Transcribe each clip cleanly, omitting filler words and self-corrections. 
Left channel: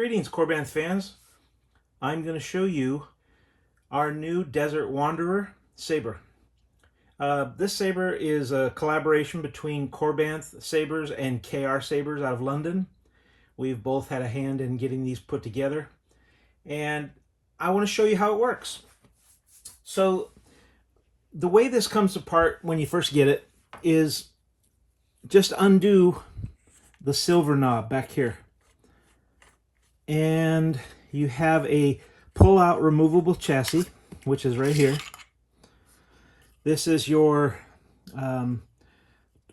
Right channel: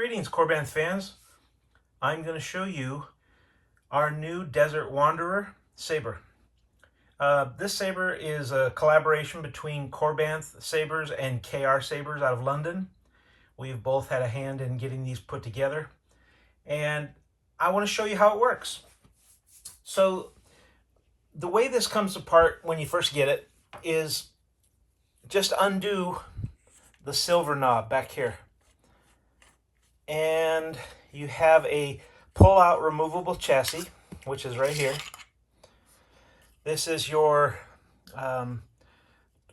Greetings, Korbanth fans. I'm going to show you our new Desert Wanderer Saber. This saber is a collaboration between Korbanth sabers and KR sabers out of London. We've both had a hand in getting these put together, and I want to show you how it works. So the way this comes apart when you first get it is just undo the silver knob back here. And you have a pull-out removable chassis, which is right here. This is your on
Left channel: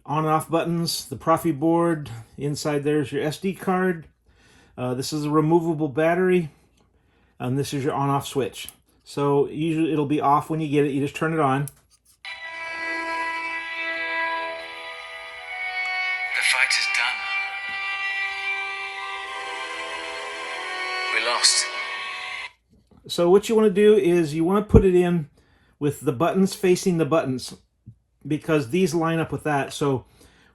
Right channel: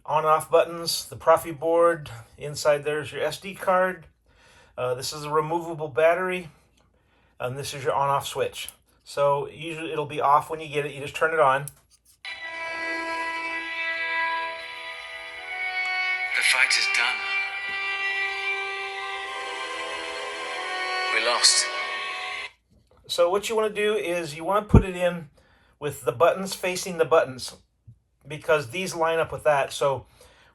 and off buttons, the Profi board. Inside there's your SD card. This is a removable battery, and this is your on-off switch. So usually it'll be off when you get it. You just turn it on. The fight is done. We lost. So what you want to do is you want to put it in with the buttons facing the buttons, because these line up with that. So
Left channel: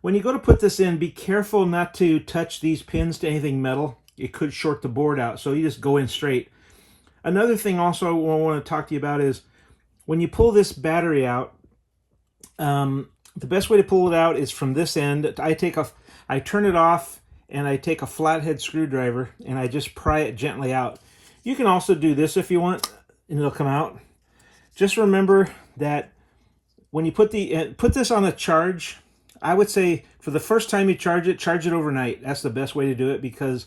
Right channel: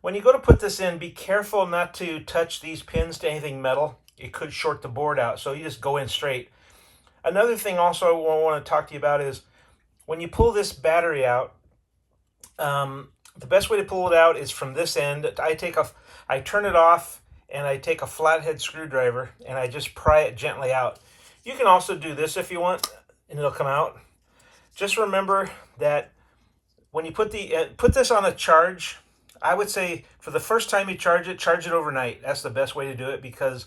when you go to put this in, be careful not to touch these pins to anything metal. It could short the board out, so you just go in straight. Another thing also I want to talk to you about is when you pull this battery out, the best way to pull it out is from this end. I turn it off, and I take a flathead screwdriver and I just pry it gently out. You can also do this if you want, and it'll come out. Just remember that when you put this on a charge, I would say for the first time you charge it overnight. That's the best way to do it, because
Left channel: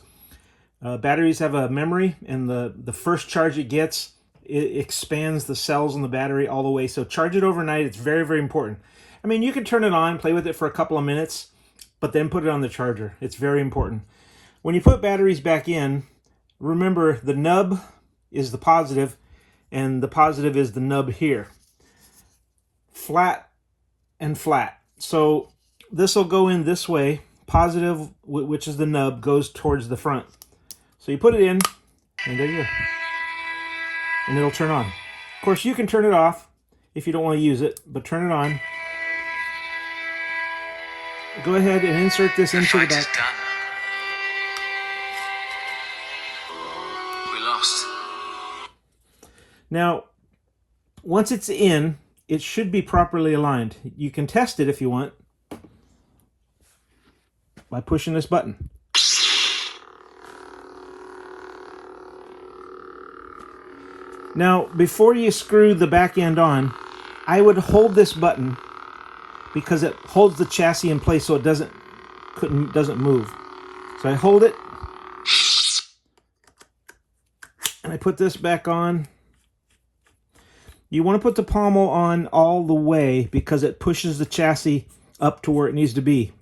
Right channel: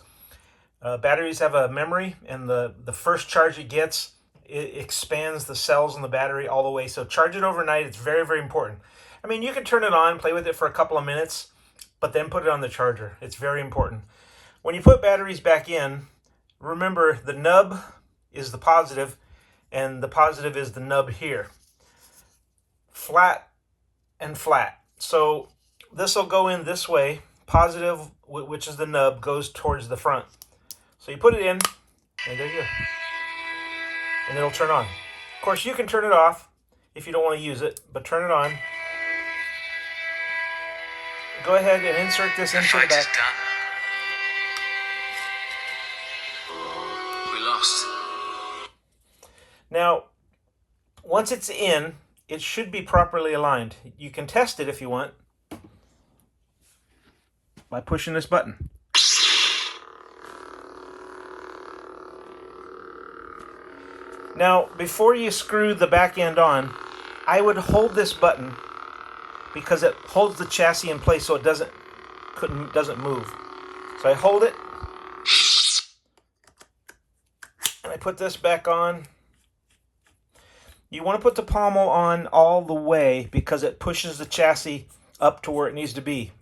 batteries have a memory, and the first charge it gets, it expands the cells in the battery all the way. So charge it overnight. It's very, very important. I mean, you can turn it on, play with it for a couple of minutes, but then put it on the charger. It's very important. When you put batteries back in, remember the nub is the positive, and the positive is the nub here. Flat and flat. So this will go in this way. Positive, which is the nub, goes towards the front. So you put it in, and there you go. And it'll turn on. Of course, you can turn it off if you don't want to use it, but turn it on. Go ahead and insert this into the back. The fight is done. We lost. Now, once it's in, it should be properly aligned. You can test it if you want by pushing this button. Now, before you screw the back end on, I would hold this button because it holds the chassis in place so it doesn't move. So I hold it, and I put this back on. You want to put the pommel on all the way because it pushes the chassis up to where it needs to be.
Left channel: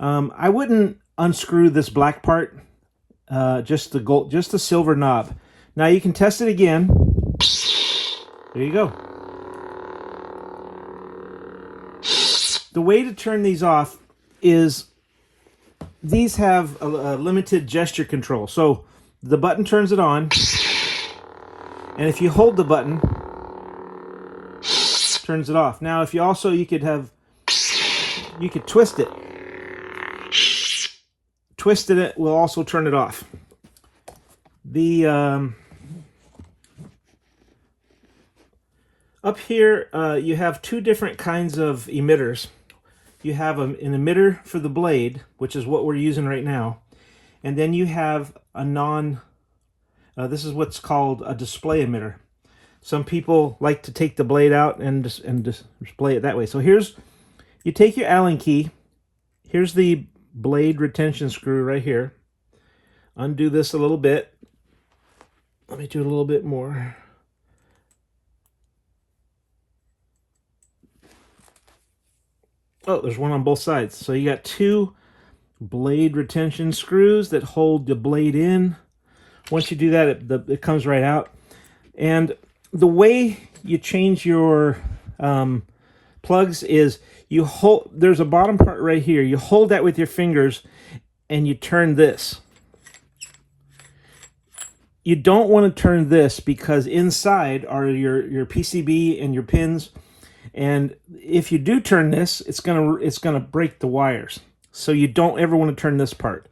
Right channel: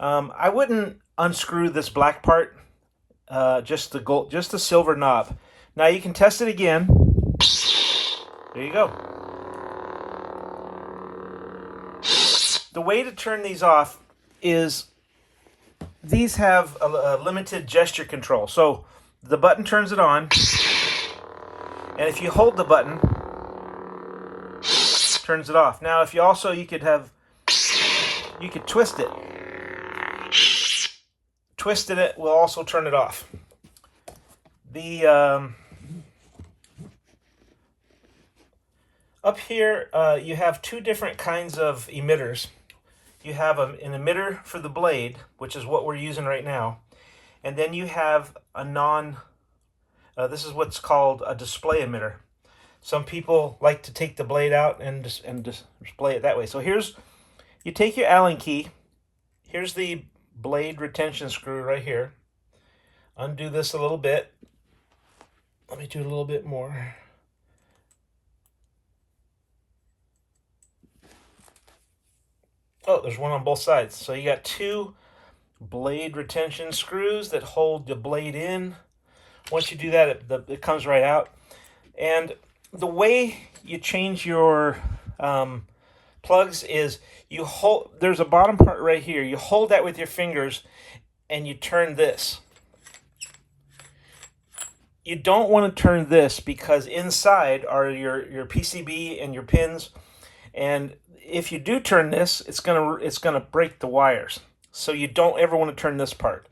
I wouldn't unscrew this black part, just the silver knob. Now you can test it again. There you go. The way to turn these off is these have a limited gesture control. So the button turns it on, and if you hold the button, turns it off. Now, if you could twist it. Twisting it will also turn it off. Up here, you have two different kinds of emitters. You have an emitter for the blade, which is what we're using right now, and then you have a this is what's called a display emitter. Some people like to take the blade out and display it that way. So you take your Allen key. Here's the blade retention screw right here. Undo this a little bit. Let me do it a little bit more. Oh, there's one on both sides. So you got two blade retention screws that hold the blade in. Once you do that, it comes right out. And the way you change your plugs is there's a bottom part right here. You hold that with your fingers and you turn this. You don't want to turn this because inside are your PCB and your pins. And if you do turn this, it's gonna break the wires. So you don't ever want to turn this part.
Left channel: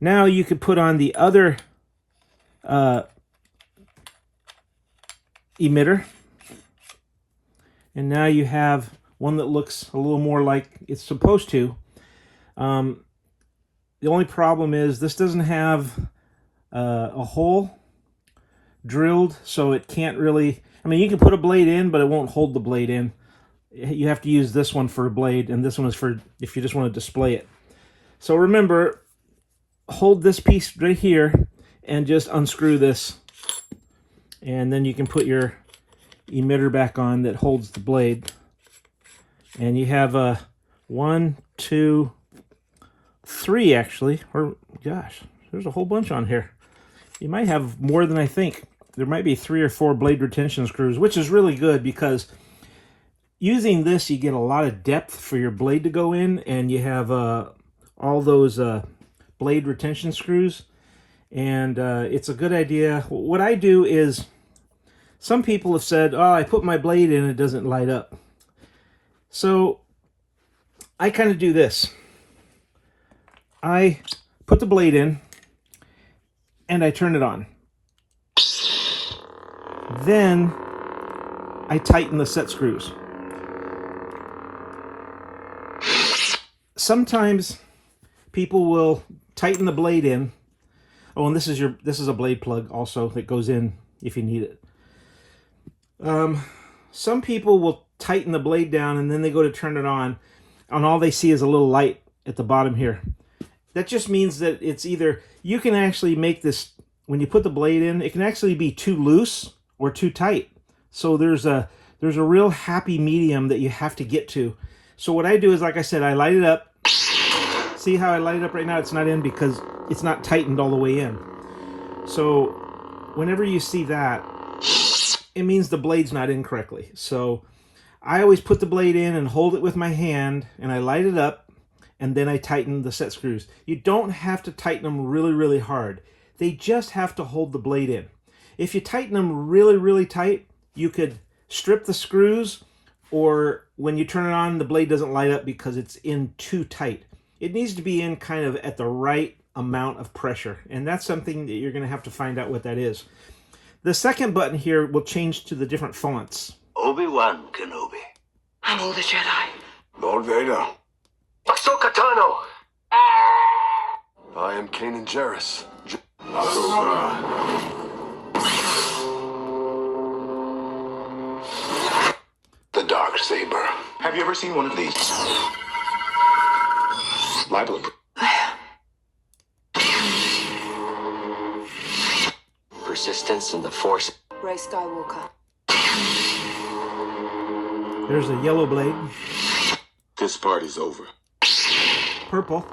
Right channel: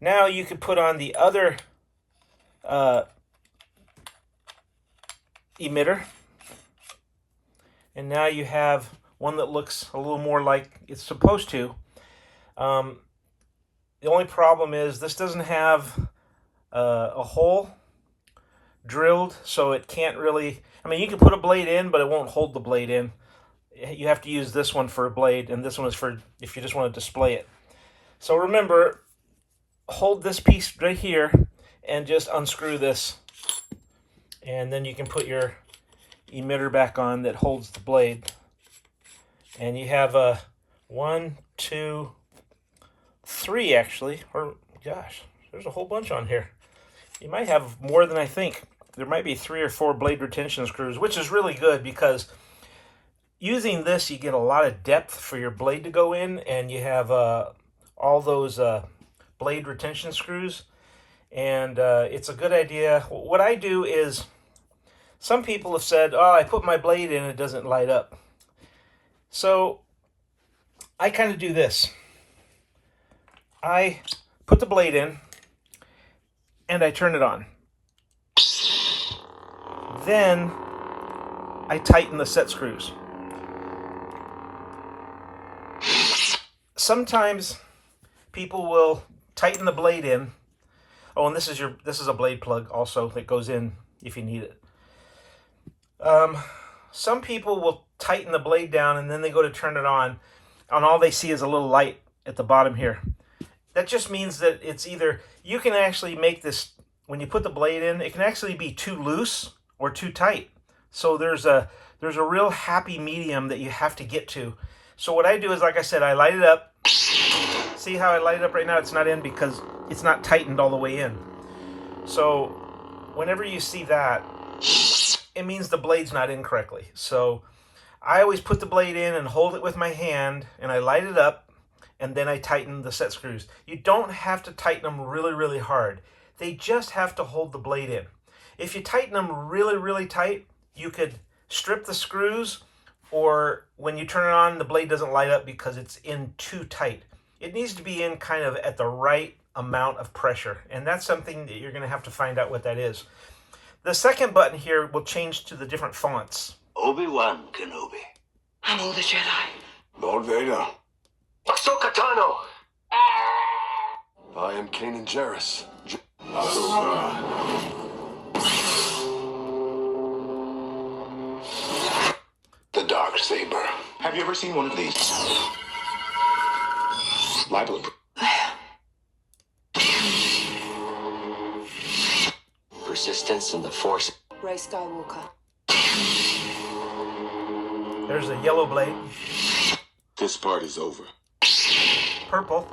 Now you could put on the other emitter, and now you have one that looks a little more like it's supposed to. The only problem is this doesn't have a hole drilled, so it can't really, I mean, you can put a blade in, but it won't hold the blade in. You have to use this one for a blade, and this one is for if you just want to display it. So remember, hold this piece right here and just unscrew this, and then you can put your emitter back on that holds the blade. And you have a 1, 2, 3 actually, or gosh, there's a whole bunch on here. You might have more than I think. There might be 3 or 4 blade retention screws, which is really good because using this you get a lot of depth for your blade to go in, and you have all those blade retention screws, and it's a good idea. What I do is, some people have said, oh, I put my blade in, it doesn't light up. So I kind of do this. I put the blade in and I turn it on. Then I tighten the set screws. Sometimes people will tighten the blade in. Oh, and this is a blade plug also that goes in if you need it. Some people will tighten the blade down and then they go to turn it on, and all they see is a little light at the bottom here. That just means that it's either, you can actually make this, when you put the blade in, it can actually be too loose or too tight. So there's a real happy medium that you have to get to. So what I do is, like I said, I light it up. See how I light it up right now? It's not in because it's not tightened all the way in. So whenever you see that, it means the blade's not in correctly. So I always put the blade in and hold it with my hand, and I light it up, and then I tighten the set screws. You don't have to tighten them really, really hard. They just have to hold the blade in. If you tighten them really, really tight, you could strip the screws, or when you turn it on, the blade doesn't light up because it's in too tight. It needs to be in kind of at the right amount of pressure, and that's something that you're going to have to find out what that is. The second button here will change to the different fonts. Obi-Wan Kenobi. I'm all the Jedi. Lord Vader. Ahsoka Tano. I am Kanan Jarrus. The Dark Saber. Have you ever seen one of these? Libel. Persistence in the Force. Rey Skywalker. There's a yellow blade. This part is over. Purple.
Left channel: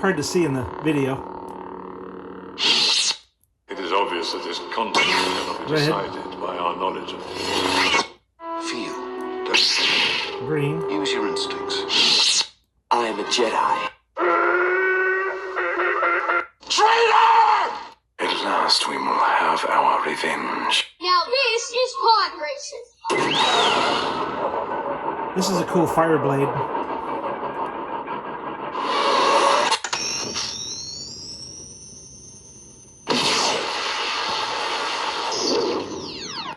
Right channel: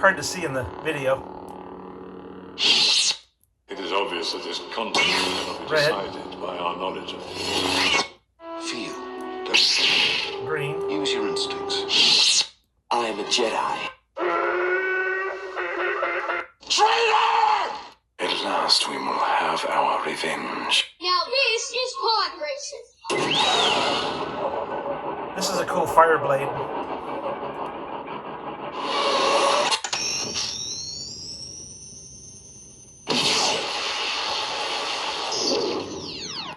Hard to see in the video. It is obvious that this content cannot be Red. decided by our knowledge of feel. Green. Use your instincts. I am a Jedi. Traitor! At last we will have our revenge. Now this is pod racing. This is a cool fire blade.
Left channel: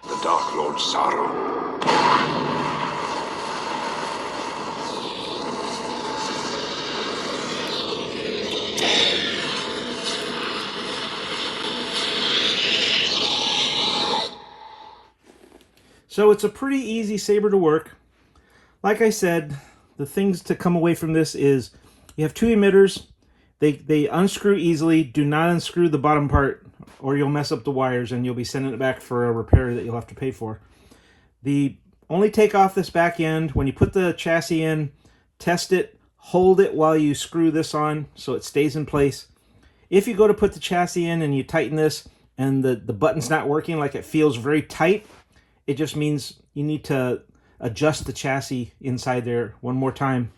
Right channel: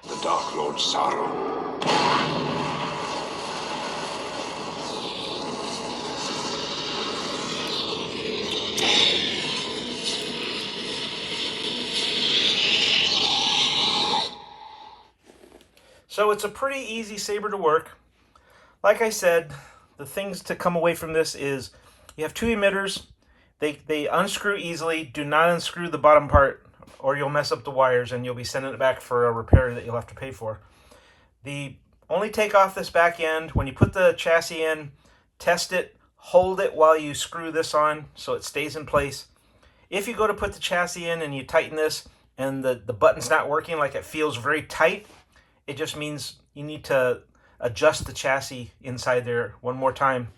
The Dark Lord Sorrow. So it's a pretty easy saber to work. Like I said, the things to come away from this is you have 2 emitters. They unscrew easily. Do not unscrew the bottom part or you'll mess up the wires and you'll be sending it back for a repair that you'll have to pay for. Only take off this back end. When you put the chassis in, test it, hold it while you screw this on so it stays in place. If you go to put the chassis in and you tighten this and the button's not working, like it feels very tight, it just means you need to adjust the chassis inside there one more time,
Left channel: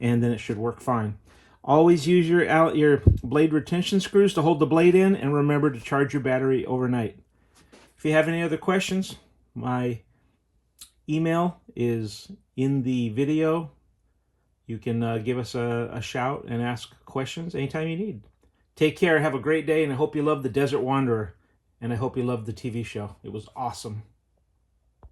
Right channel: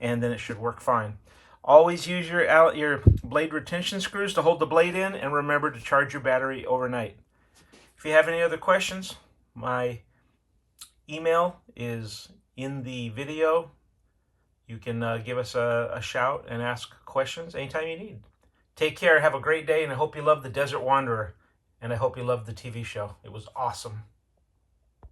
and then it should work fine. Always use your blade retention screws to hold the blade in, and remember to charge your battery overnight. If you have any other questions, my email is in the video. You can give us a shout and ask questions anytime you need. Take care. Have a great day, and I hope you love The Desert Wanderer, and I hope you love the TV show. It was awesome.